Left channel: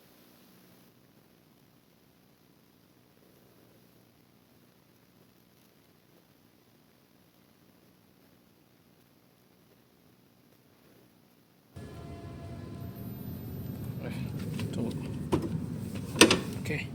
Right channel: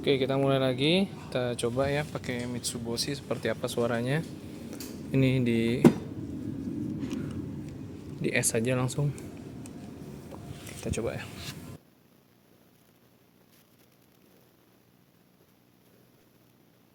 Oke, kita mulai lagi. Kita coba ya pakai Mitsubishi seperti apa suaranya. Ini di S aja langsung. Kita coba ya. Tunggu. Oke.